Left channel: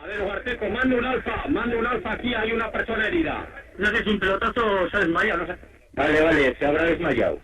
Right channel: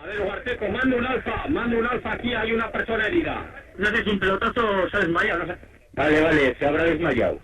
A ver, Huarteco, mando un alfa aquí, hay una persona herida. No sé si un pelotazo se ha desmayado, no sé. Vale, se habrá desmayado.